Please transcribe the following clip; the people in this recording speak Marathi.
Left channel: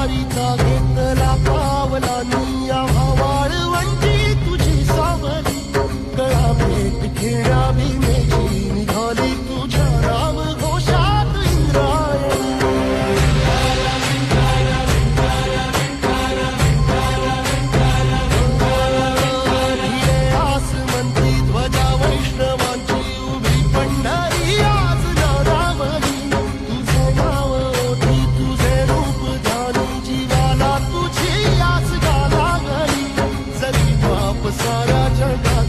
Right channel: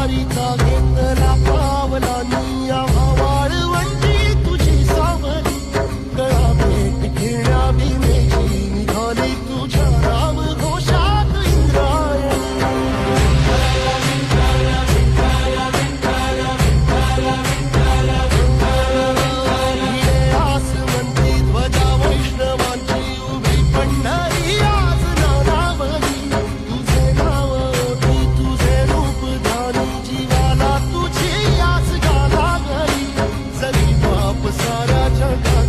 वारीचा घेतला पा अब सारा जगा